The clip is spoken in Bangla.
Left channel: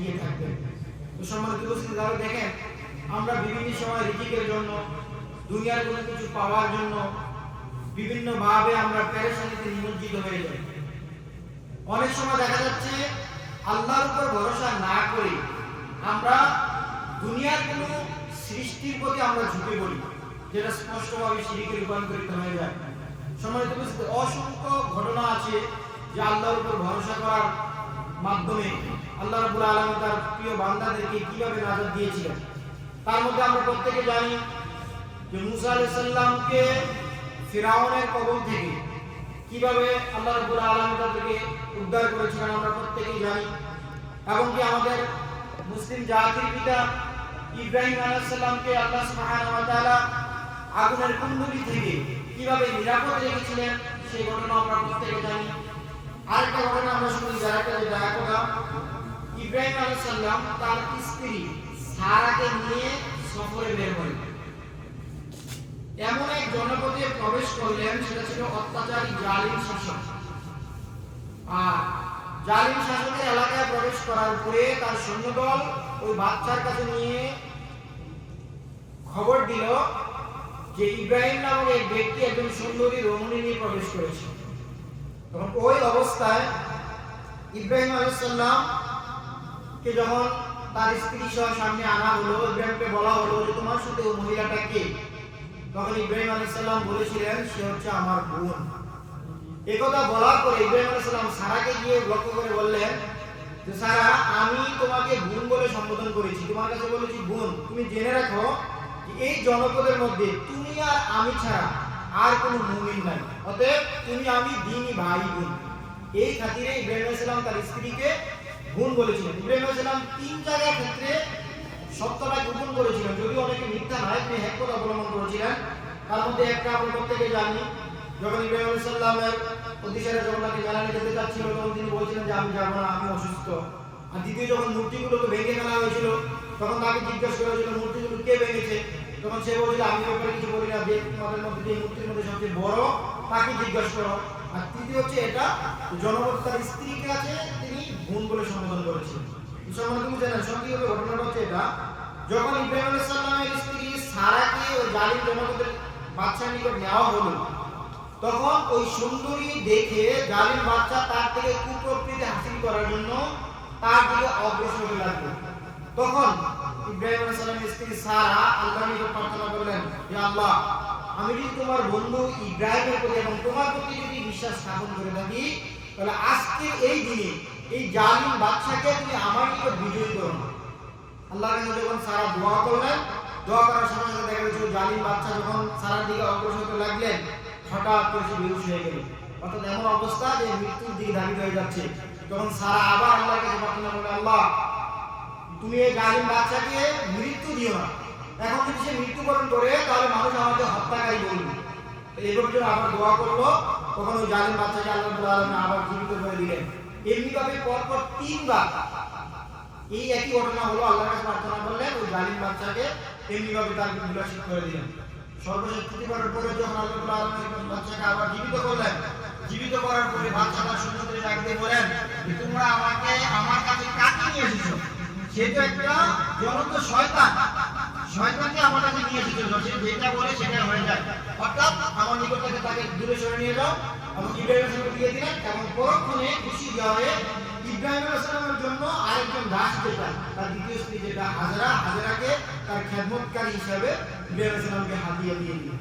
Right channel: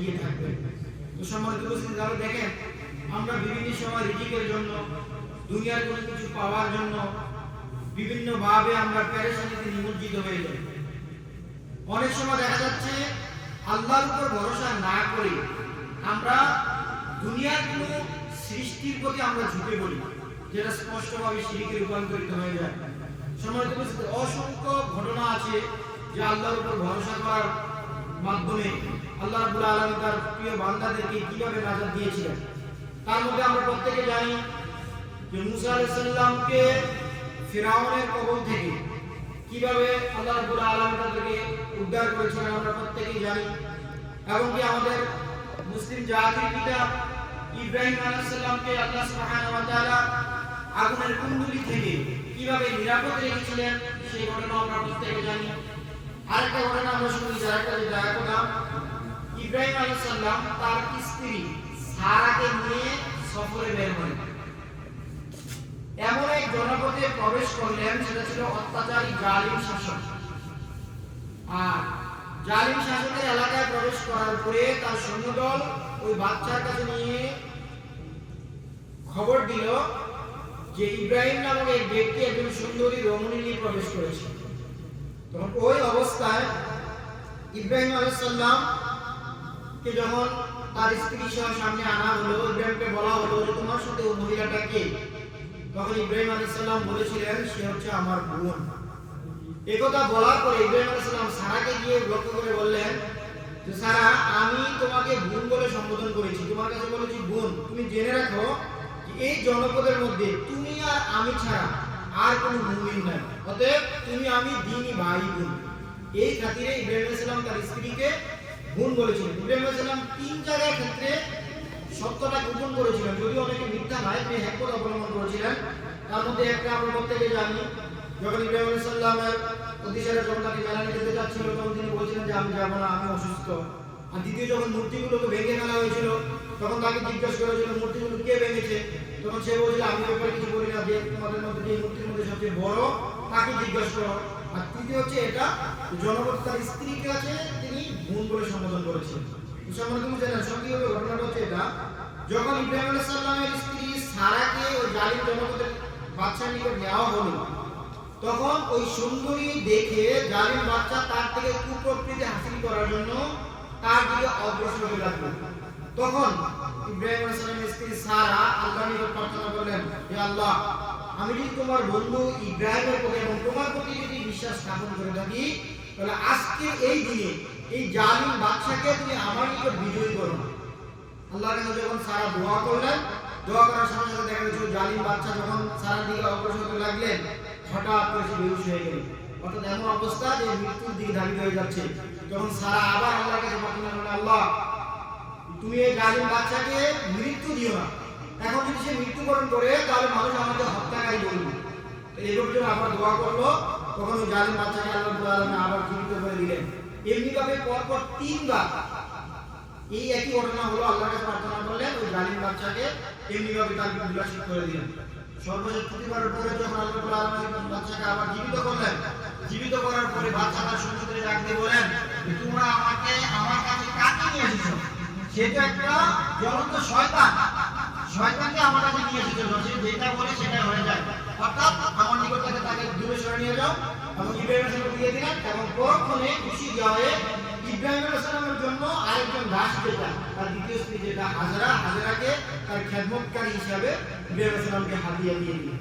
এগিয়ে থাকবে। তো সম্মানিত উপস্থিতি, তাহলে দেখেন আমরা বিভিন্ন সময় রিজিকের জন্য, দুনিয়ার কোনো কিছু পাওয়ার জন্য বিভিন্ন ভাবে আমরা পেরেশানিতে নিমজ্জিত হয়ে যাই। অনেক সময় দেখা যাচ্ছে আল্লাহর উপর ভরসা না করে আমরা দুনিয়ার কোনো সৃষ্টির প্রতি আমরা ঝুঁকে পড়ি, যেটা স্পষ্টভাবে শিরকে রূপান্তরিত হয়ে যায়। সম্মানিত উপস্থিতি, অসংখ্য ঘটনা আছে যে আল্লাহর উপর ভরসা করার মাধ্যমে আল্লাহ রাব্বুল আলামিন তার প্রিয় বান্দাদেরকে কিভাবে নাজাত দিয়েছিলেন। তার মধ্যে আমরা প্রত্যেকে জানি যে মুসা আলাইহিস সালামকে ফিরাউনের কবল থেকে কিভাবে আল্লাহ রাব্বুল আলামিন তাদেরকে উদ্ধার করেছিলেন আমরা প্রত্যেকেই জানি। এমনকি আমাদের মুসলিম জাতির পিতা ইব্রাহিম আলাইহিস সালামকে আল্লাহ সুবহানাহু ওয়া তাআলা আগুনের কুণ্ডলী থেকে কিভাবে নিরাপদ রেখেছিলেন সেই ঘটনা আমরা প্রত্যেকে জানি। আরেকটা ঘটনা আমরা শুনি, আরেকটা ঘটনা, ইব্রাহিম আলাইহিস সালাম তার স্ত্রী সারাকে নিয়ে সফরে বের হলেন। এমন এক জনপদে প্রবেশ করলেন, সেটা ছিল অত্যাচারী জালিম শাসক। আর জালিম শাসকের এলাকায় প্রবেশ করার পরে তার সৈন্যদল ওই বাচ্চার কাছে নিয়ে খবর দিল যে ইব্রাহিম নামক এক ব্যক্তি একজন সুন্দরী রমণী নিয়ে প্রবেশ করেছে। তখন ওই অবস্থায় ইব্রাহিম আলাইহিস সালাম কে যখন তার স্ত্রী সহ সামনে আনা হলো, ইব্রাহিমকে বলা হলো যে তোমার সাথে ওই মহিলাটা কে? তখন ইব্রাহিম আলাইহিস সালাম বলেছিলেন সে হচ্ছে আমার বোন। একথা বলার পরে ইব্রাহিম আলাইহিস সালাম সারাকে গিয়ে লক্ষ্য করে বললেন যে সারা, আমি তোমাকে বোন বলে সম্বোধন করেছি, তোমার কাছে বলেছি বোন। তুমি জেনে রাখো যে এই জনপদের মধ্যে তুমি আর আমি ছাড়া আর কোনো মুমিন নাই, অতএব তুমি আমি দ্বীনি ভাই বোন। এই খাতিরে ইব্রাহিম আলাইহিস সালাম তার স্ত্রীকে বোন বলেছিলেন। ইব্রাহিম আলাইহিস সালাম তিন জায়গার ক্ষেত্রে সত্যটা গোপন করেছিলেন, যদিও অনেকে মিথ্যা নয়, তিনি হ্যাকপথ অবলম্বন করেছিলেন। তার মধ্যে একটা আমরা প্রত্যেকে জানি, যখন ইব্রাহিম আলাইহিস সালামের অতিসারে যখন তাকে মেলানে যেতে চাচ্ছিল, তখন তিনি বলছিলেন যে আমি যাবো না, আমি অসুস্থ। আর দ্বিতীয় যখন মূর্তিগুলোকে ভেঙে ফেলা হয়েছিল, তখন তাকে জিজ্ঞেস করা হয়েছিল মূর্তিগুলো কে ভেঙেছে। তখন সে বলছিল আমি ওপরে কিছু বলি না, যে তোমাদের মধ্যে যে মূর্তির মধ্যে সবচেয়ে বড় তাকে জিজ্ঞেস করো। আর তৃতীয় হচ্ছে এটা জনপদ তার স্ত্রীকে আছে তিনি বোন বলে সম্বোধন করেছিলেন। সম্বন্ধে তুমি জানেন সংক্ষিপ্ত ঘটনাটা হচ্ছে এটা, যখন ইব্রাহিম আলাইহিস সালামের স্ত্রী সারাকে ওই জালিম জনপদের বাচ্চার নিকট নেওয়া হলো, তখন ওই সুন্দরী দেখে জালিম বাচ্চা তার থেকে কুপ্রবৃত্তি হাসিল করার জন্য তার দিকে অগ্রসর হতে লাগলো। তখন ইব্রাহিম আলাইহিস সালামের স্ত্রী সারা আল্লাহর নিকট প্রার্থনা করলেন, হে আল্লাহ, আমি যদি তোমার বন্ধু ইব্রাহিমের প্রতি এবং তোমার প্রতি যদি বিশ্বাস স্থাপন করে থাকি, তাহলে আজকের এই দিনে এই জালিম বাদশাকে তুমি আমার নিকট বিজয়ী করো। আল্লাহর কাছে যখন সারা দোয়া করলেন, দোয়া করার সাথে সাথে দেখা গেল জালিম বাদশা যখন সারার দিকে অগ্রসর হতে লাগলেন, হঠাৎ করে সে বেহুশ হয়ে গেল। অর্থাৎ এমন অবস্থা যে মৃত্যুর দিকে ধাবিত হয়ে যাচ্ছে। তখন সারা আবার আল্লাহর কাছে প্রার্থনা করলেন, আল্লাহ, তুমি এই জালিম বাদশাকে মৃত্যু দিও না। এখন যদি সে মৃত্যুবরণ করে তাহলে মানুষ আমাকে হত্যাকারী বলবে। এইভাবে যখন আবার দোয়া করলো, তখন ওই জালিম বাদশাকে আল্লাহ রাব্বুল আলামিন আবার জীবিত করে দিলেন। এমনিভাবে পরপর তিনবার এই একই ঘটনা হলো, আল্লাহর কাছে প্রার্থনা করলেন, ওই জালিম বাদশাকে এমনিভাবে তার বিনাশিত করে দিলেন। সর্বশেষ তৃতীয়বারের পরে যখন আল্লাহ রাব্বুল আলামিন বাদশাকে আবার জীবিত করলেন, জীবিত করার পরে বাদশা তার সৈন্যদের ডাক দিয়ে বলেন যে তোমরা আমাকে আমার কাছে কাকে নিয়ে এসেছো? সে তো একটা জ্বলন্ত শয়তান, শয়তানকে আমার কাছে নিয়ে এসেছো, সে যেটা বলে সেটা হয়ে যায়। অর্থাৎ আমার নিকট থেকে তাকে দূরে সরে নিয়ে যাও এবং ইব্রাহিম আলাইহিস সালামকে দিয়ে দিলেন। এবং পরক্ষণে খুশি হয়ে ইব্রাহিম আলাইহিস সালামের জন্য আরেকজন দাস, যেটা তার দ্বিতীয় স্ত্রী যেটা হাজেরাকে তার খেদমতকারী হিসাবে ইব্রাহিম আলাইহিস সালামকে হাদিয়া দিয়ে দিলেন।